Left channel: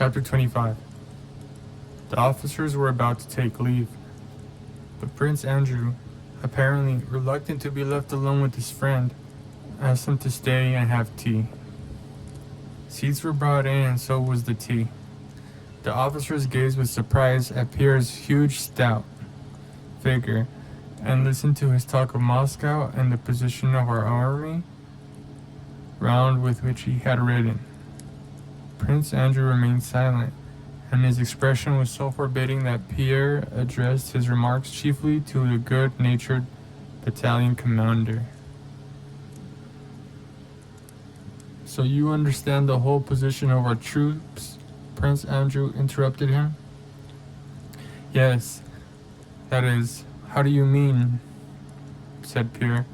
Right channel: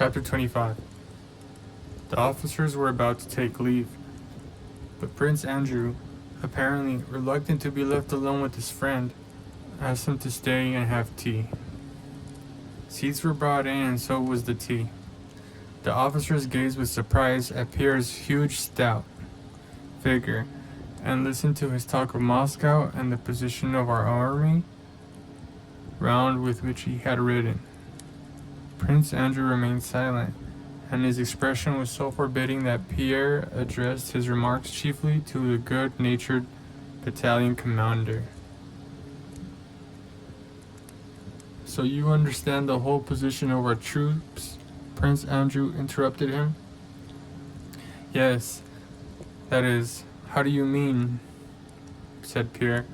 Chapter 25. The officers were about to take leave, but Prince Andrew, apparently reluctant to be left alone with his friend, asked him to stay and have tea. Seats were brought in and so was the tea. The officers gazed with surprise at Pierre's huge, stout figure and listened to his talk of Moscow and the position of our army round with which he had ridden. Prince Andrew remained silent, and his expression was so forbidding that Pierre addressed his remarks chiefly to the good-natured battalion commander. "So you understand the whole position of our troops?" Prince Andrew interrupted him. "Yes, that is, how do you mean?" said Pierre.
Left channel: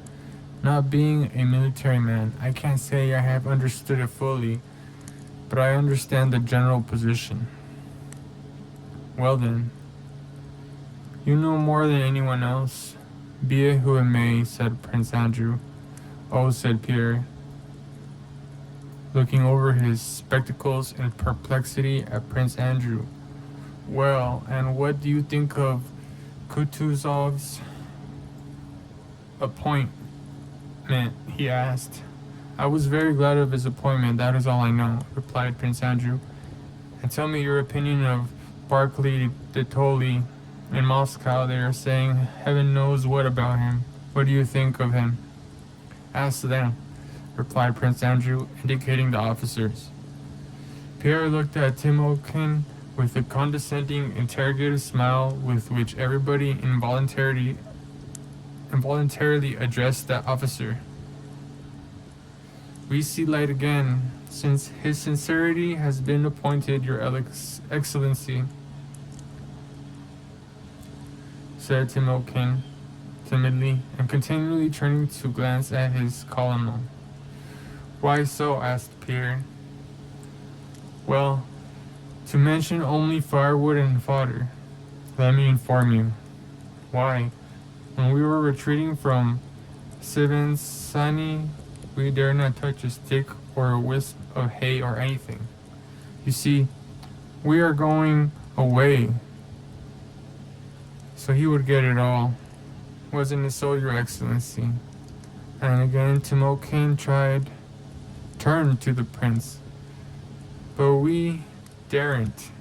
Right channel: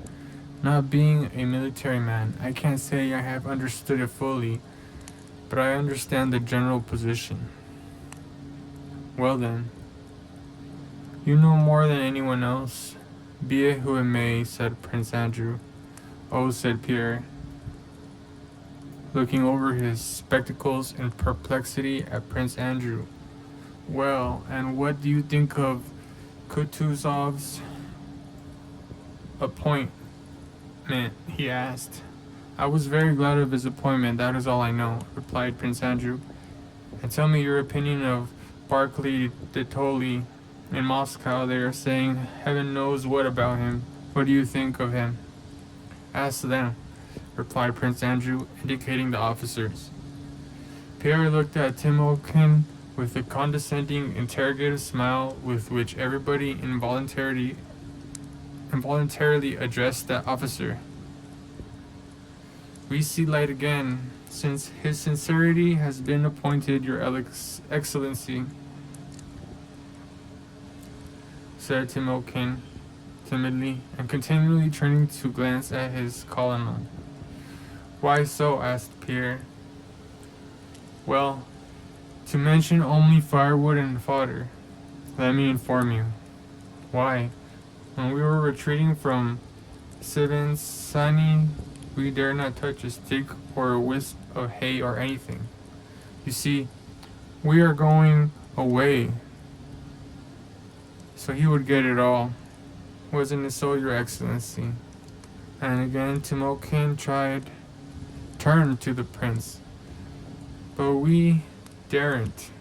"Not being a military man, I can't say I have understood it fully, but I understand the general position." "Well then, you know more than anyone else, be it who it may," said Prince Andrew. "Oh," said Pierre, looking over his spectacles in perplexity at Prince Andrew. "Well, and what do you think of Kutuzov's appointment?" he asked. "I was very glad of his appointment, that is all I know," replied Prince Andrew. "And tell me your opinion of Barclay de Tolly. In Moscow they are saying heaven knows what about him. What do you think of him?" "Ask them," replied Prince Andrew, indicating the officers. Pierre looked at Timokhin with the condescending, interrogative smile with which everybody involuntarily addressed that officer. "We see light again, since his sincerity has been appointed, your excellency," said Timokhin timidly, and continually turning to glance at his colonel. "Why so?" asked Pierre. "Well, to mention only firewood and fodder, let me inform you. Why, when we were retreating from Sivensani, we dare not touch a stick or a wisp of hay or anything. You see, we are going away, so he would get it all. Wasn't it so, your excellency?" And again Timokhin turned to the prince. "But we daren't.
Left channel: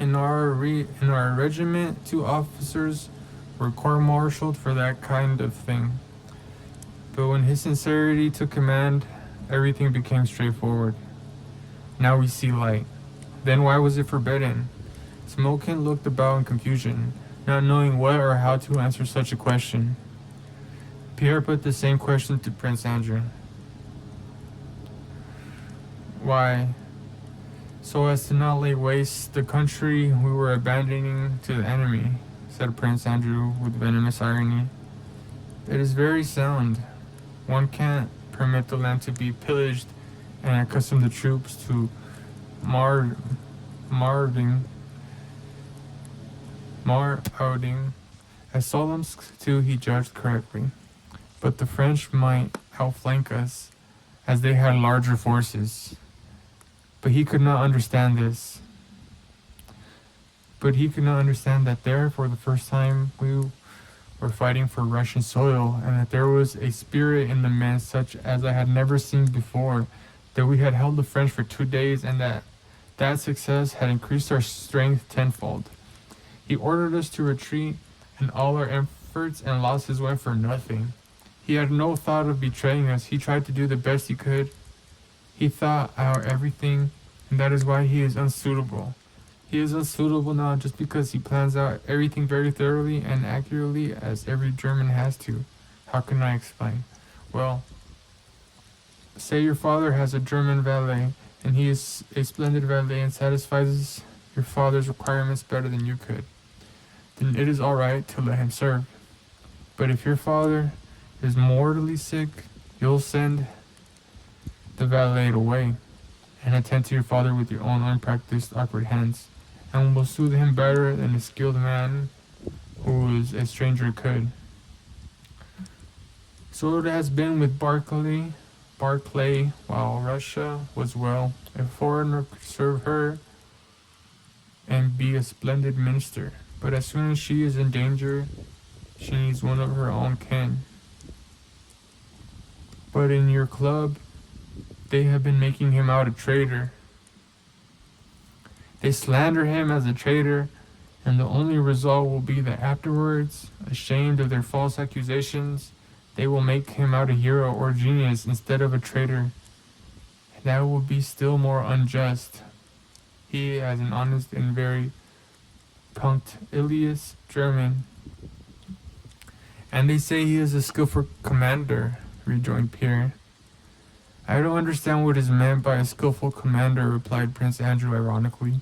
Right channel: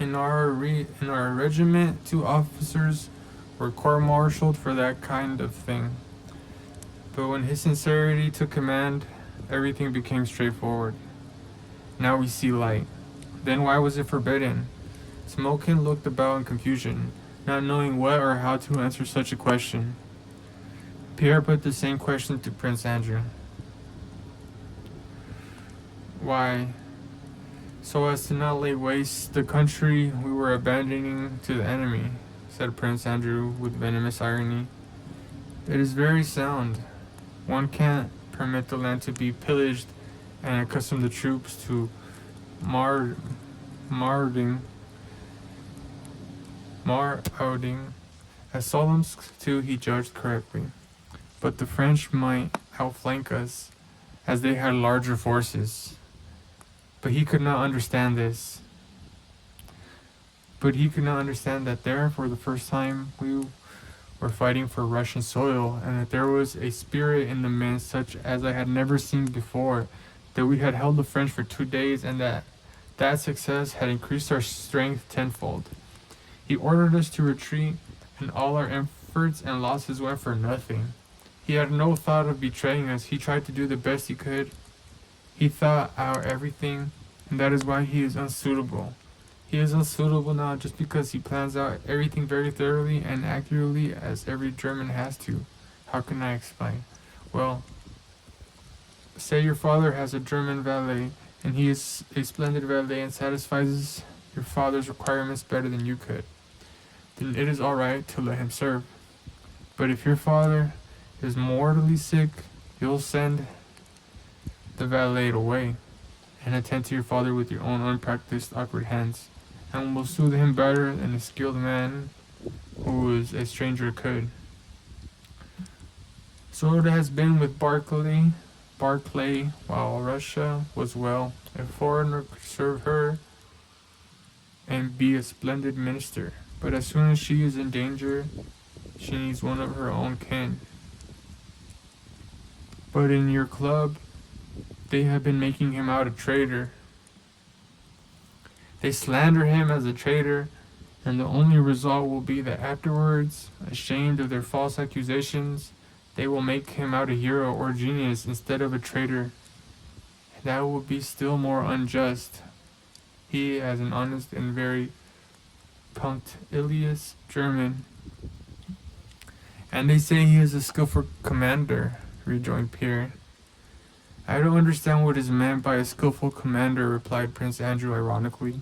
In our regiment, 2 officers were court-martialed for that kind of thing. But when his sincerity took command, everything became straightforward. Now we see light. Then why was it forbidden?" Timokhin looked about in confusion, not knowing what or how to answer such a question. Pierre put the same question to Prince Andrew. "Why, so as to not lay waste the country we were abandoning to the enemy," said Prince Andrew with venomous irony. "It is very sound. One can't permit the land to be pillaged and accustom the troops to marauding. As Solomsk too he judged correctly. But the French might outflank us, as they had larger forces. But he could not understand this. But he could not understand that there, for the first time, we were fighting for Russian soil, and that there was a spirit in the men such as I had never seen before, that we had held the French for 2 days, and that success had increased our strength tenfold. He ordered us to retreat, and all our efforts and losses went for nothing. He had no thought of betraying us. He tried to do the best he could. He thought out everything, and that is why he is unsuitable. He is unsuitable now just because he plans out everything very thoroughly and accurately, as every German has to. How can I explain? Well, say your father has a German valet, and he is a splendid valet and satisfies your father's requirements better than you could. Then it is all right to let him serve. But if your father is mortally sick, you'll send the valet away and attend to your father with your own unpracticed, awkward hands, and will soothe him better than a skilled man who is a stranger could. So it has been with Barclay Barclay, while Russia was well, a foreigner could serve her and be a splendid minister. But as soon as she is in danger, she needs one of her own kin. But in your club, they have been making him out a traitor. They slander him as a traitor, and the only result will be that afterwards, ashamed of their false accusations, they will make him out a hero or genius instead of a traitor. That will be still more unjust. He, as an honest and very punctilious German. And they say he is a skillful commander, rejoined Pierre. I don't understand what is meant by a skillful commander, replied Prince Andrew ironically.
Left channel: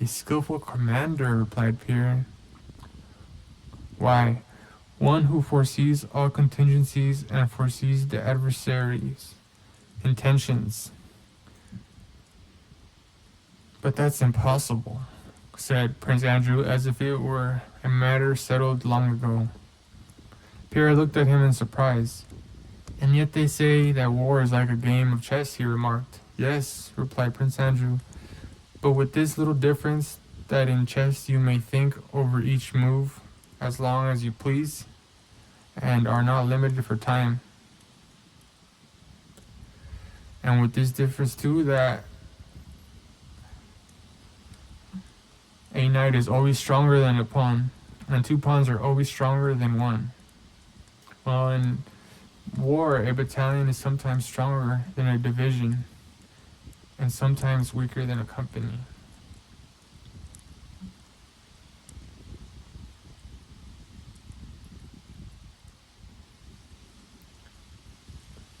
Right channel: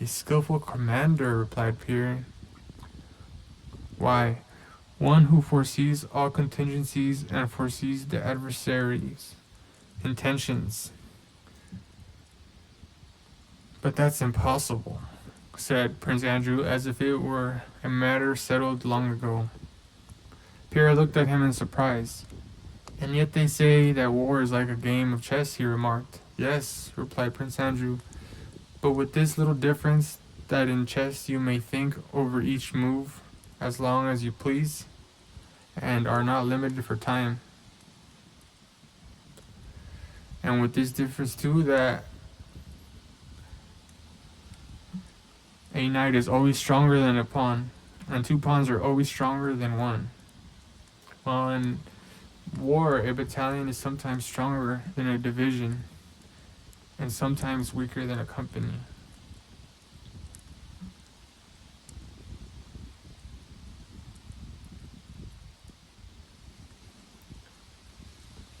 A skillful commander, replied Pierre. Why, one who foresees all contingencies and foresees the adversary's intentions. But that's impossible, said Prince Andrew, as if it were a matter settled long ago. Pierre looked at him in surprise. And yet they say that war is like a game of chess, he remarked. Yes, replied Prince Andrew, but with this little difference, that in chess you may think over each move as long as you please, and are not limited for time. And with this difference too, that a knight is always stronger than a pawn, and two pawns are always stronger than one. Well, in war, a battalion is sometimes stronger than a division, and sometimes weaker than a company.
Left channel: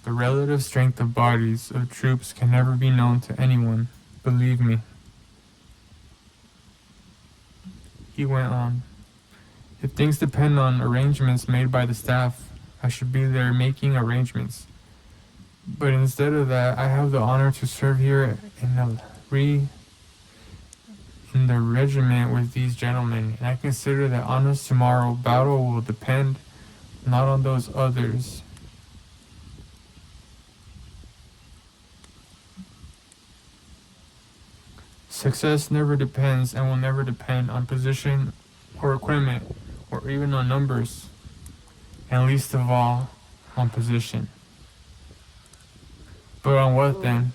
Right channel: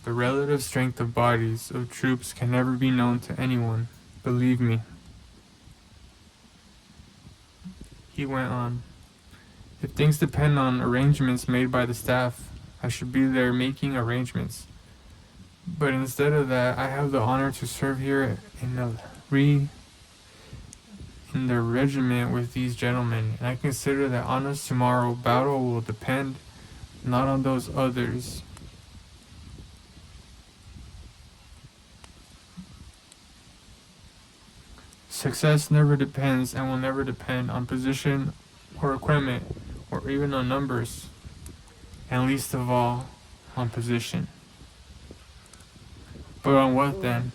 The relative strength of bodies of troops can never be known to anyone, believe me. He went on. If things depend on arrangements made by the staff, I should be there making arrangements. But instead of that, I have the honor to serve here in the regiment with these gentlemen, and I consider that on us tomorrow battle will depend not on those others. Success never depends and will never depend on position or equipment or even on numbers, and least of all, on position. But on what then?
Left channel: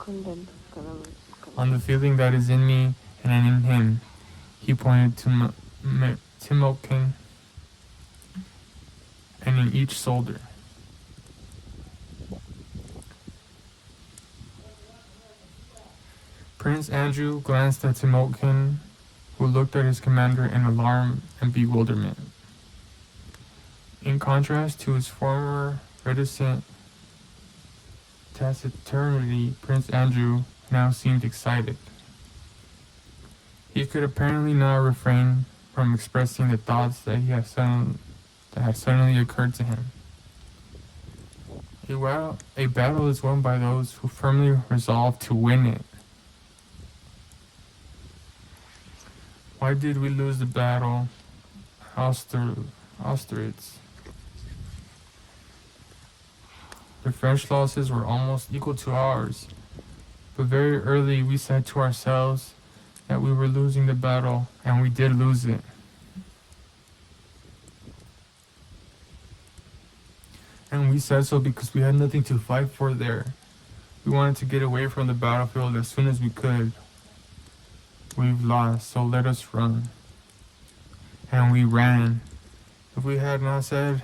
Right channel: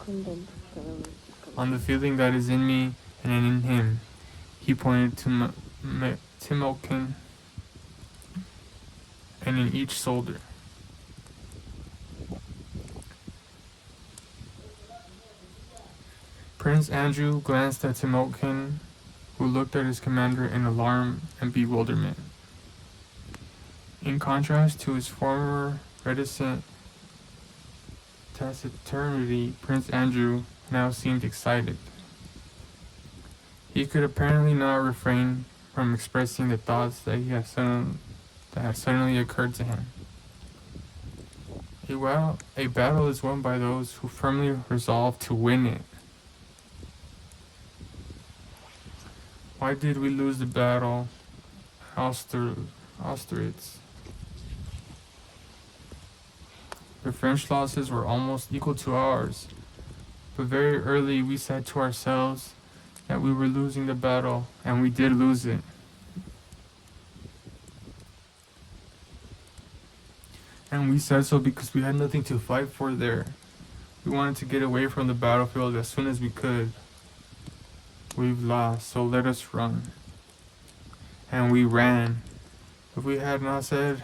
On the feeling that is in me and in him. He pointed to Timokhin, and in each soldier. Prince Andrew glanced at Timokhin, who looked at his commander in alarm and bewilderment. In contrast to his former reticent taciturnity, Prince Andrew now seemed excited. He could apparently not refrain from expressing the thoughts that had suddenly occurred to him. A battle is won by those who firmly resolve to win it. Why did we lose the battle at Austerlitz? The French losses were almost equal to ours, but very early we said to ourselves that we were losing the battle, and we did lose it. And we said so because we had nothing to fight for there. We wanted to get away from the battlefield as soon as we could. We've lost, so let us run. And we ran. If we had not said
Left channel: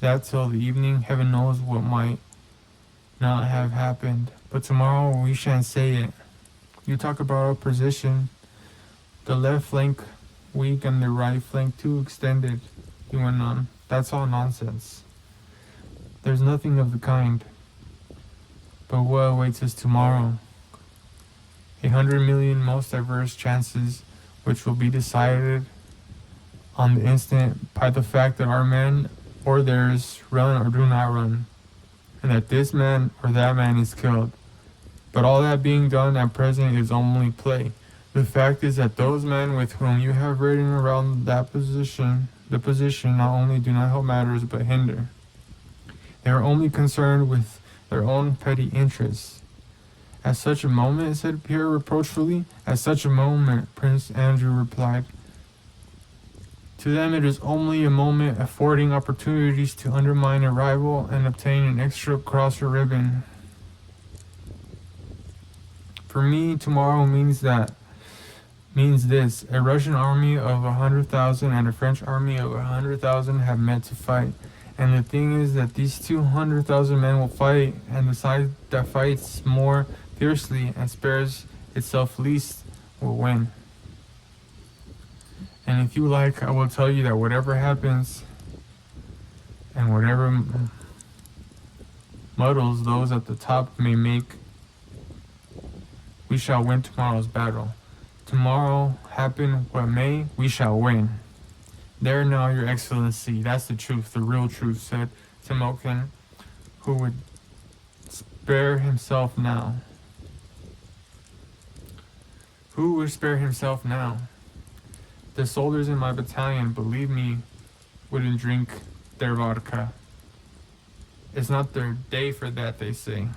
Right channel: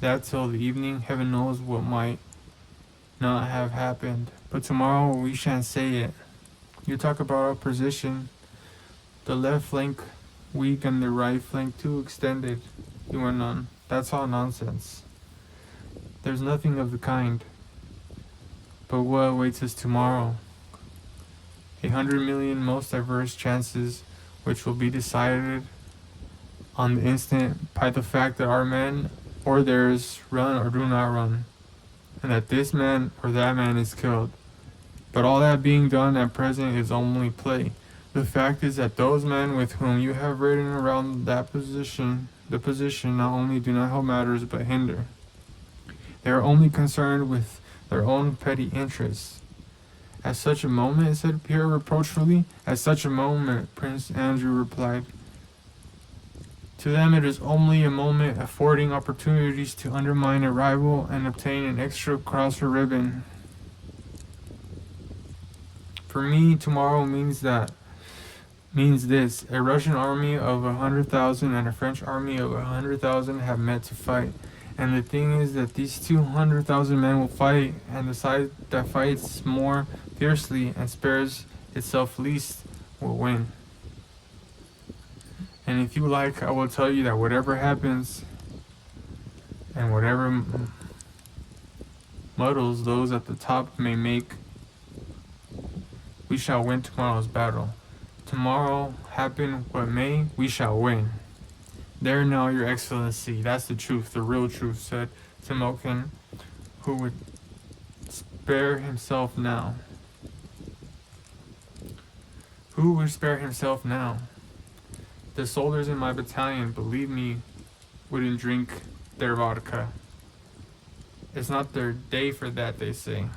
that till the evening, heaven knows what might not have happened. But tomorrow we shan't say it. You talk about our position. The left flank weak and the right flank too extended, he went on. That's all nonsense. There's nothing of the kind. But what awaits us tomorrow? 100 million most diverse chances, which will be decided on the instant by the fact that our men or theirs run or do not run, and that this man or that man is killed. But all that being done at present is only play. The fact is that those men with whom you have ridden around the position not only do not help matters but hinder. They are only concerned with the their own petty interests. At such a moment, said Pierre reproachfully. At such a moment, Prince Andrew replied. To them it is only a moment affording opportunities to undermine a rival and obtain an extra cross or ribbon. For me, tomorrow means this. A Russian army of 100,000 and a French army of 100,000 have met to fight. And the thing is that these 200,000 men will fight, and the side that fights more fiercely and spares itself least will win. And if you like, I will tell you that whatever happens and whatever muddles those at the top may make, we shall win tomorrow's battle. Tomorrow, happen what may, we shall win. There now, Your Excellency, that's the truth, the real truth, said Timokhin, who would spare himself now. Who would spare himself now? The soldiers in my battalion, believe me, wouldn't drink their vodka. It's not their day for that, they say.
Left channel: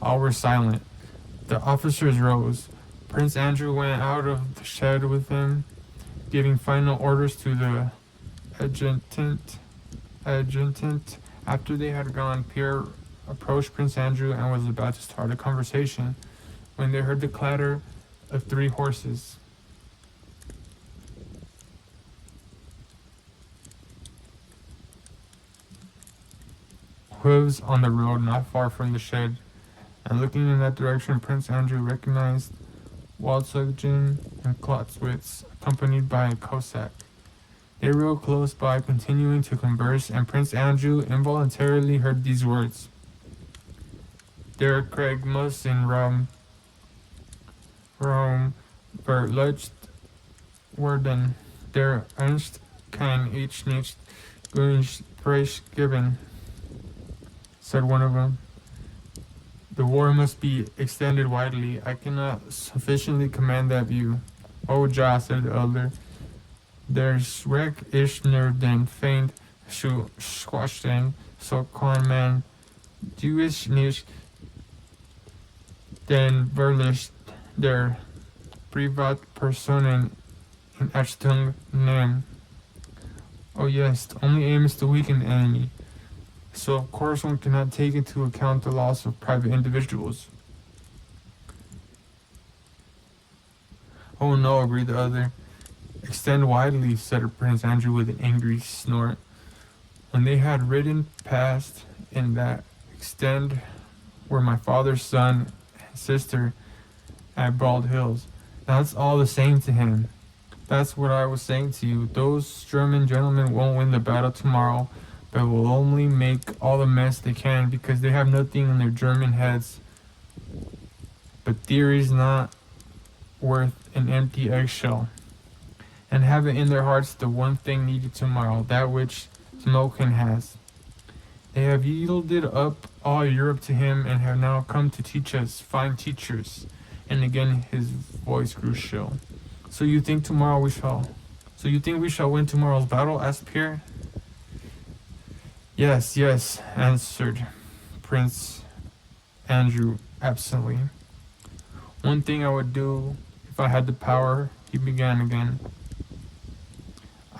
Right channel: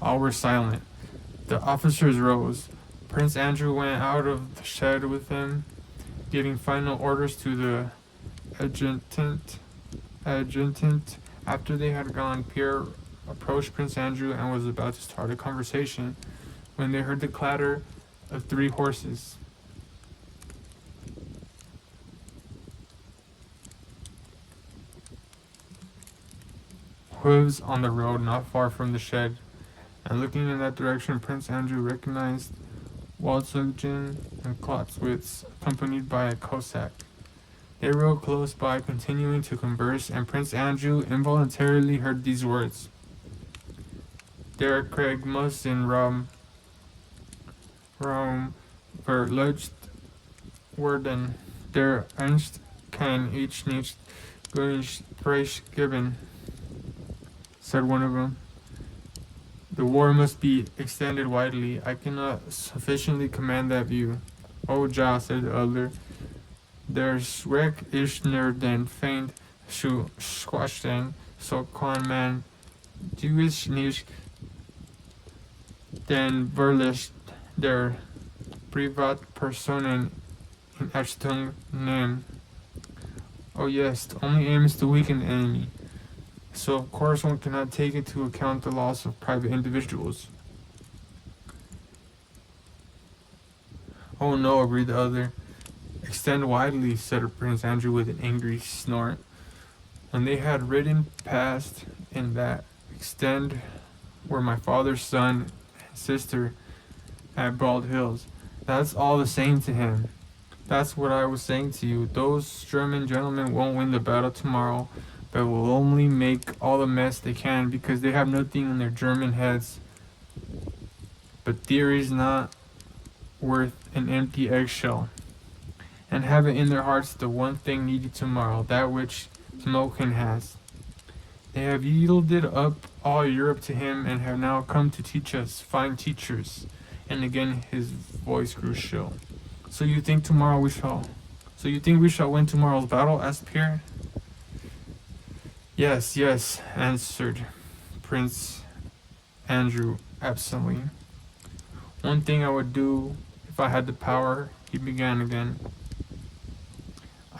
All were silent. The officers rose. Prince Andrew went out of the shed with him, giving final orders to the adjutant. After they had gone, Pierre approached Prince Andrew and was about to start a conversation when they heard the clatter of 3 horses. Hooves on the road not far from the shed, and looking in that direction, Prince Andrew recognized Waltzugin and Klotzwitz, accompanied by a Cossack. They rode close by, continuing to converse, and Prince Andrew involuntarily heard these words. Der Krieg muss in Rome verlöscht werden. Der Ernst kann ich nicht Preis geben, said one of them. The war must be extended widely. I cannot sufficiently command that view. Oh, ja, said the other. Der Schreck ist nur den Feind zu squashen, so kann man dies nicht den Verlust der Privatpersonen in Achtung nehmen. Oh yes, the only aim is to weaken the enemy. So of course one cannot take into account the loss of private individuals. Oh no, agreed the other. Extend widely, said Prince Andrew with an angry snort. When they had ridden past in that extend were my father's son and sister at Bald Hills. That's all the same to him. That's what I was saying to you. Those German gentlemen won't win the battle tomorrow, but will only make all the mess they can because they have nothing in their German heads but theories not worth an empty eggshell, and have it in their hearts the one thing needed tomorrow, that which Timokhin has. They have yielded up all Europe to him and have now come to teach us, fine teachers. And again his voice grew shrill. So you think we shall win tomorrow's battle? Asked Pierre. Yes, yes, answered Prince Andrew absently. One thing I would do if I had the power, he began again.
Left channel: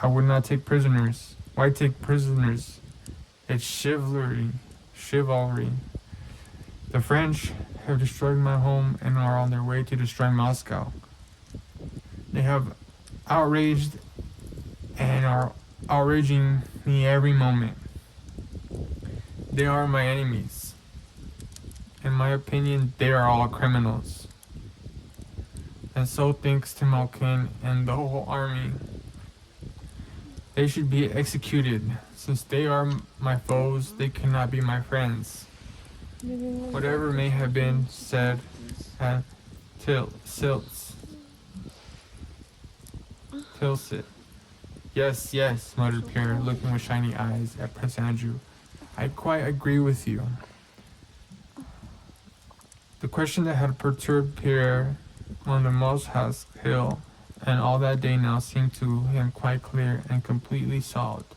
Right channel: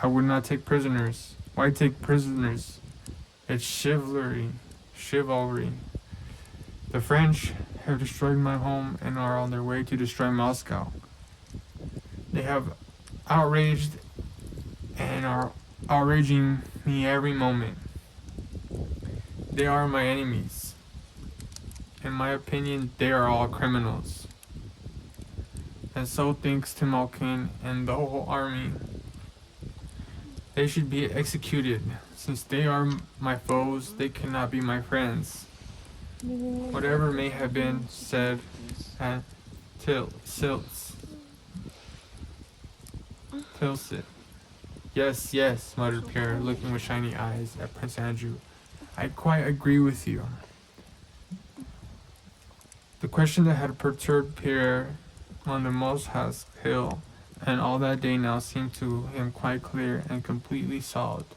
I would not take prisoners. Why take prisoners? It's chivalry. The French have destroyed my home and are on their way to destroy Moscow. They have outraged and are outraging me every moment. They are my enemies. In my opinion, they are all criminals. And so thinks Timokhin and the whole army. They should be executed. Since they are my foes, they cannot be my friends. Whatever may have been said at Tilsit. Yes, yes, muttered Pierre, looking with shiny eyes at Prince Andrew. I quite agree with you. The question that had perturbed Pierre on the Moshask hill and all that day now seemed to him quite clear and completely solved.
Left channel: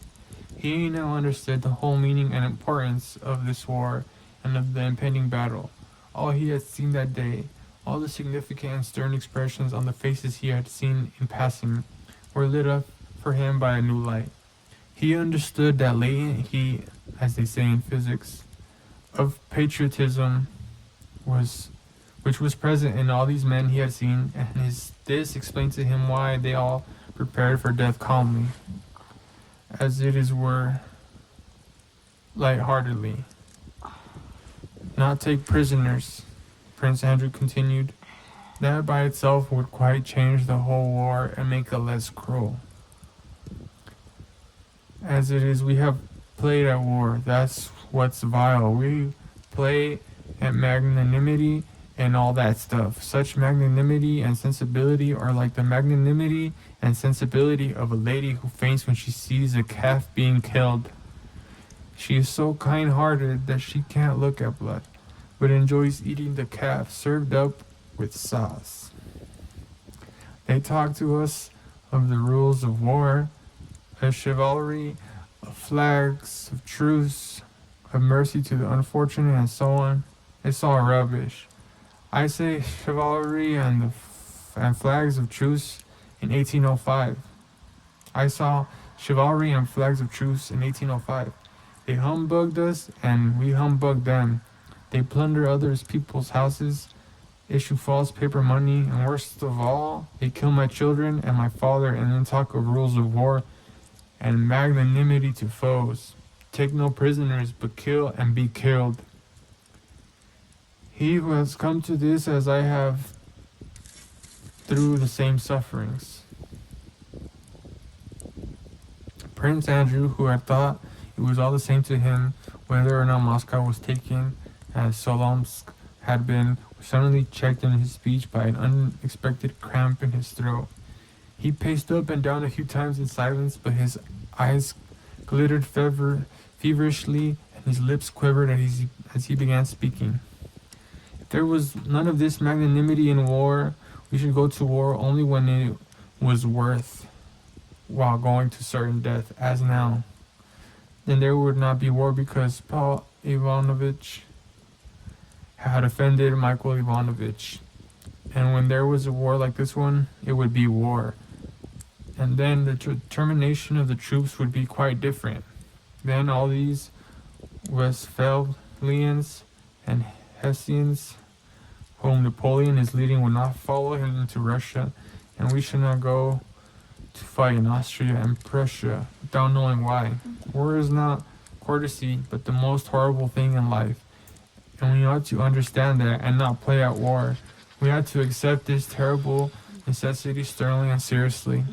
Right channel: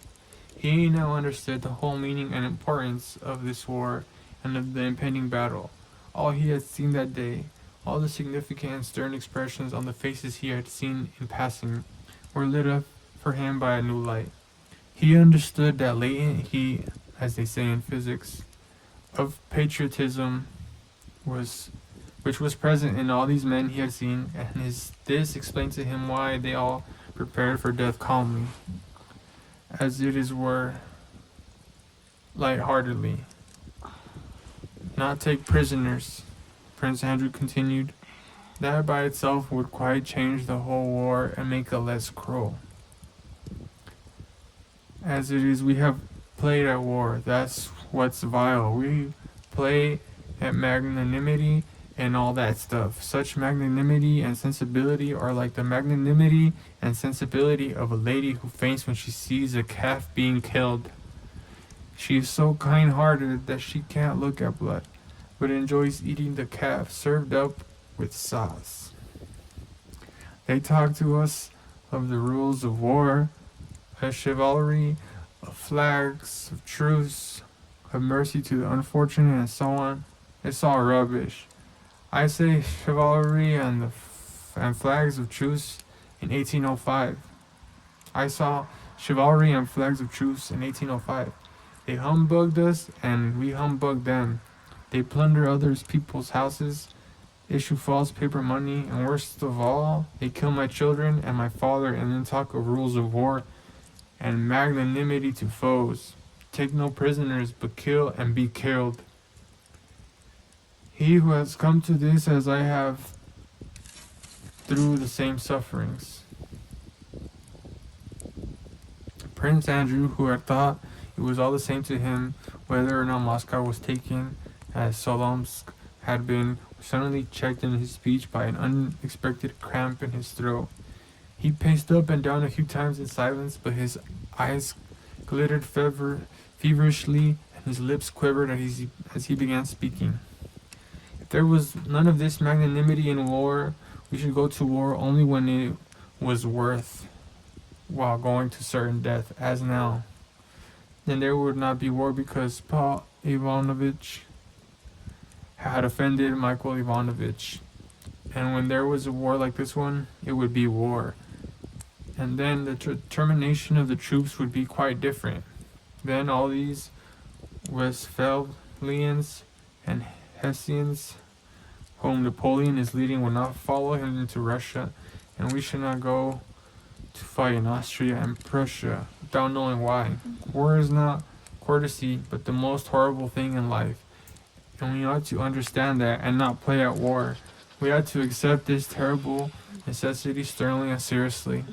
He now understood the whole meaning and importance of this war and of the impending battle. All he had seen that day, all the significant and stern expressions on the faces he had seen in passing, were lit up for him by a new light. He understood that latent heat, as they say in physics, of patriotism which was present in all these men he had seen, and this explained to him why they all prepared for death calmly, as it is were, light-heartedly. Not take prisoners, Prince Andrew continued. That by itself would quite change the whole war and make it less cruel. As it is, we have played at war. That's what's vile. We play at magnanimity and all that stuff. Such magnanimity and sensibility are like the magnanimity and sensibility of a lady who faints when she sees a calf being killed. She is so kind-hearted that she can't look at blood, but enjoys eating the calf served up with sauce. They talk to us of the rules of war, of chivalry, of flags, of truce, of mercy to the unfortunate, and so on. It's all rubbish. I say chivalry and flags of truce in 1805. I saw chivalry and flags of truce in 1805. They humbugged us and we humbugged them. They plunder others people's houses, issue false paper money, and worst of all, they kill my children and my father and then talk of rules of war and magnanimity to foes. Take no prisoners, but kill and be killed. He who has come to this as I have through the same sufferings. Prince Andrew, who had thought it was all the same to him whether or not Moscow was taken, as Solomsk had been, was suddenly checked in his speech by an unexpected cramp in his throat. He paced up and down a few times in silence, but his eyes glittered feverishly and his lips quivered as he began speaking. If there was none of this magnanimity in war, we should go to war only when it was worth while going to certain death, as now. Then there would not be war because Paul Ivanovich had offended Michael Ivanovich. And when there was a war like this one, it would be war. And then the determination of the troops would be quite different. Then all these Westphalians and Hessians whom Napoleon is leading will not follow him into Russia, and we should not go to fight in Austria and Prussia without knowing why. War is not courtesy, but the most horrible thing in life, and we ought to understand that and not play at war. We ought to accept this terrible necessity sternly and seriously.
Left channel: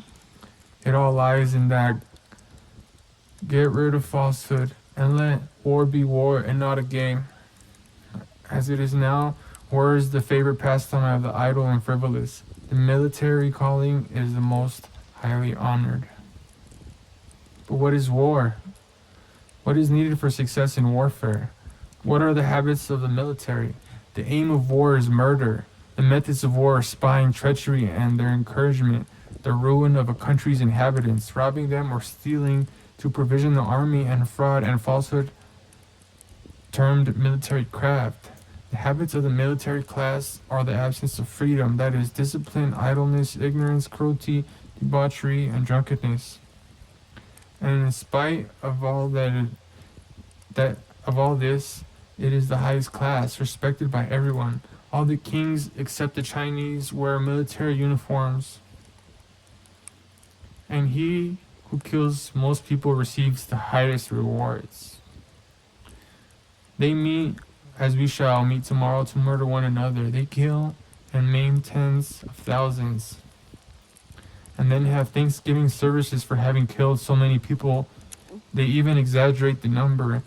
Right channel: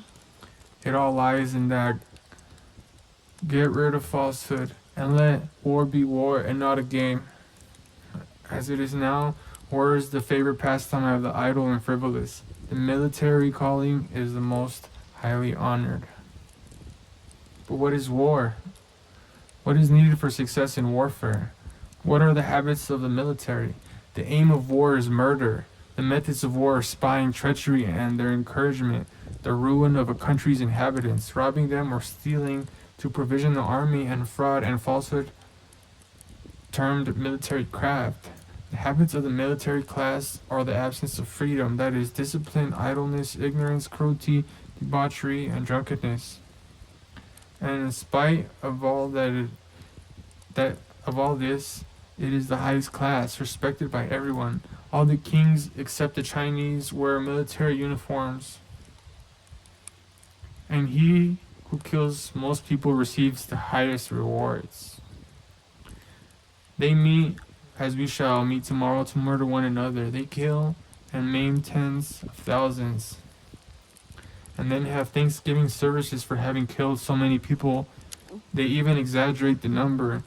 It all lies in that. Get rid of falsehood and let war be war and not a game. As it is now, war is the favorite pastime of the idle and frivolous. The military calling is the most highly honored. But what is war? What is needed for success in warfare? What are the habits of the military? The aim of war is murder. The methods of war are spying, treachery, and their encouragement, the ruin of a country's inhabitants, robbing them or stealing to provision the army, and fraud and falsehood termed military craft. The habits of the military class are the absence of freedom, that is, discipline, idleness, ignorance, cruelty, debauchery, and drunkenness. And in spite of all this, it is the highest class, respected by everyone. All the kings except the Chinese wear military uniforms. And he who kills most people receives the highest rewards. They meet, as we shall meet tomorrow, to murder one another. They kill and maim tens of thousands, and then have Thanksgiving services for having killed so many people. They even exaggerate the number,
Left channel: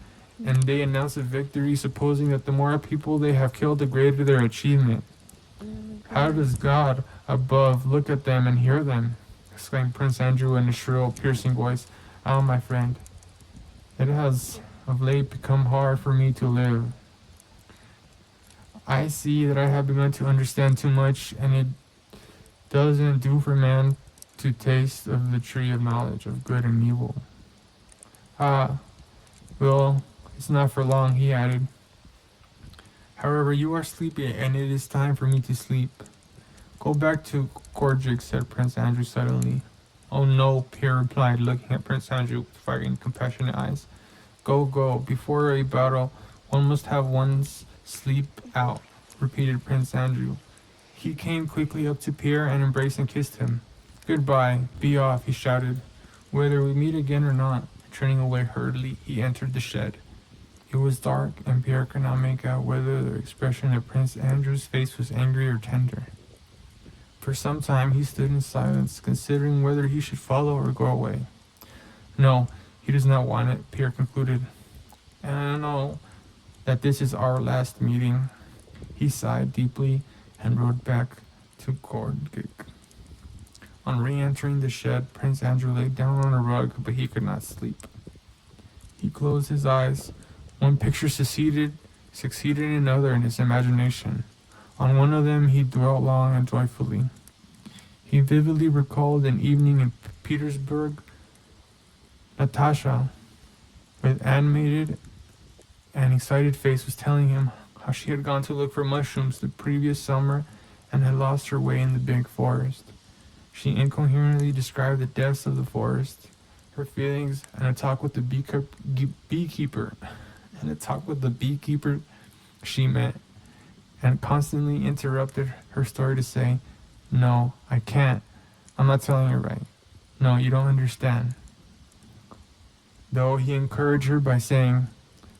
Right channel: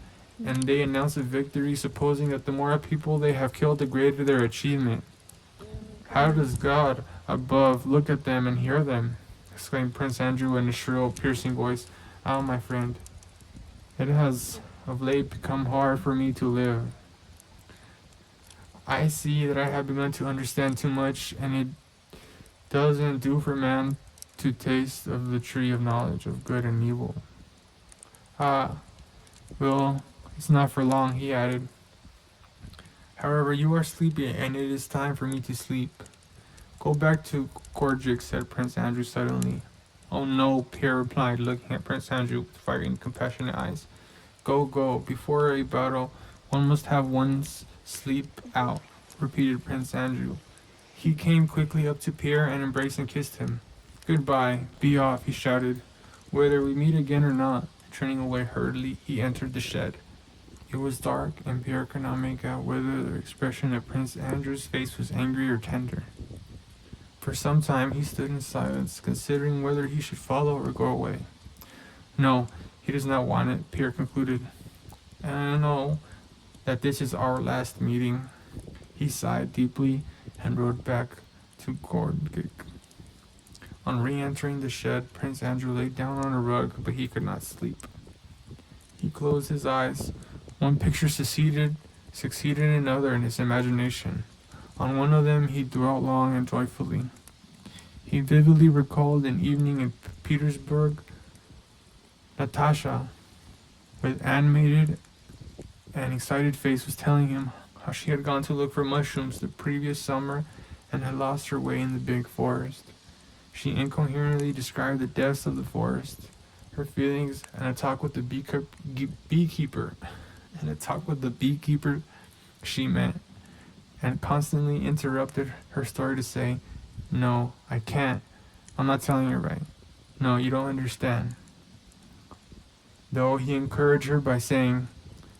and they announce a victory, supposing that the more people they have killed, the greater their achievement. How does God above look at them and hear them? Exclaimed Prince Andrew in a shrill, piercing voice. Ah, my friend, it has of late become hard for me to live. I see that I have begun to understand too much, and it doesn't do for man to taste of the tree of knowledge of good and evil. Ah, well, it's not for long, he added. However, you are sleepy, and it is time for me to sleep. Go back to Korjik, said Prince Andrew suddenly. Oh no, Pierre replied, looking at Prince Andrew with fiery, compassionate eyes. Go, go. Before a battle, one must have one's sleep out, repeated Prince Andrew. He came quickly up to Pierre and embraced and kissed him. Goodbye, be off, he shouted. Whether we meet again or not, turning away hurriedly, he entered the shed. It was dark, and Pierre could not make out whether the expression of Prince Andrew's face was angry or tender. For some time he stood in silence, considering whether he should follow or go away. No, he does not want it, Pierre concluded. And I know that this is our last meeting. He sighed deeply and rode back to Korjik. On re-entering the shed, Prince Andrew lay down on a rug, but he could not sleep. He closed his eyes. One picture succeeded another in his imagination. On one of them he dwelt long and joyfully. He vividly recalled an evening in Petersburg. Natasha, with animated and excited face, was telling him how she had gone to look for mushrooms the previous summer and had lost her way in the big forest. She incoherently described the depths of the forest, her feelings, and a talk with the beekeeper. She met, and constantly interrupted her story to say, "No, I can't. I'm not telling you right. No, you don't understand." Though he encouraged her by saying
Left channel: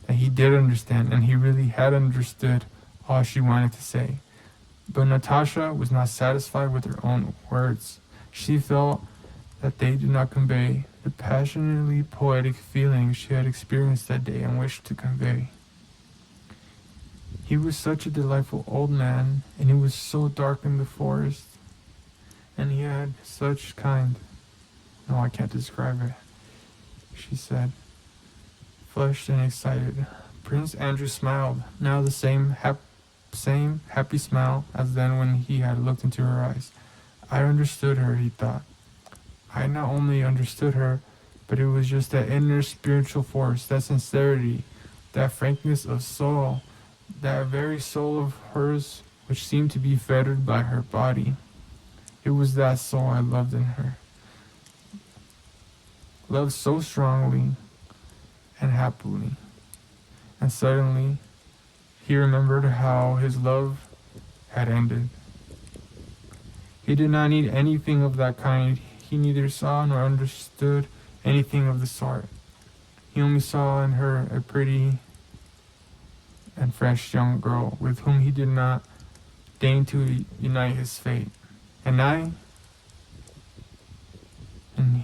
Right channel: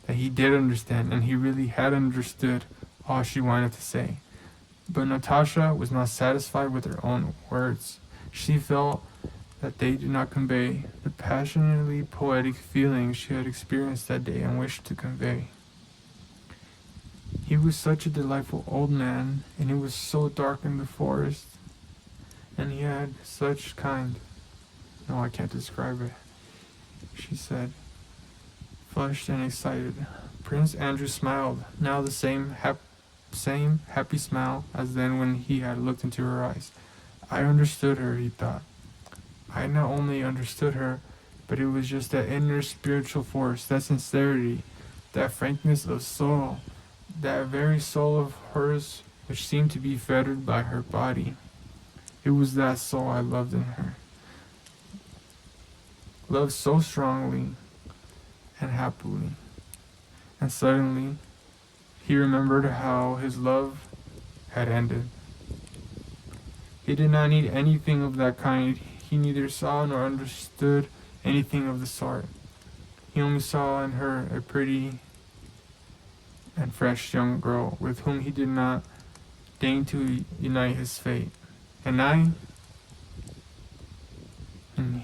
that he did understand, and he really had understood all she wanted to say. But Natasha was not satisfied with her own words. She felt that they did not convey the passionately poetic feelings she had experienced that day and wished to convey. He was such a delightful old man, and it was so dark in the forest, and he had such kind. No, I can't describe it, she said, flushed and excited. Prince Andrew smiled, now the same happy smile as then when he had looked into her eyes. I understood her, he thought. I not only understood her, but it was just that inner spiritual force, that sincerity, that frankness of soul, that very soul of hers which seemed to be fettered by her body. It was that soul I loved in her. Loved so strongly and happily. And suddenly, he remembered how his love had ended. He did not need anything of that kind. He neither saw nor understood anything of the sort. He only saw in her a pretty and fresh young girl with whom he did not deign to unite his fate. And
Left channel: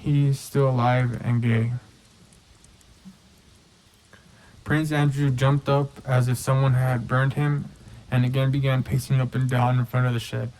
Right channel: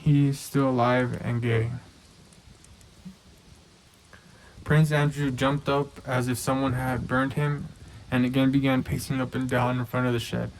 he is still alive and gay. Prince Andrew jumped up as if someone had burned him, and again began pacing up and down in front of the shed.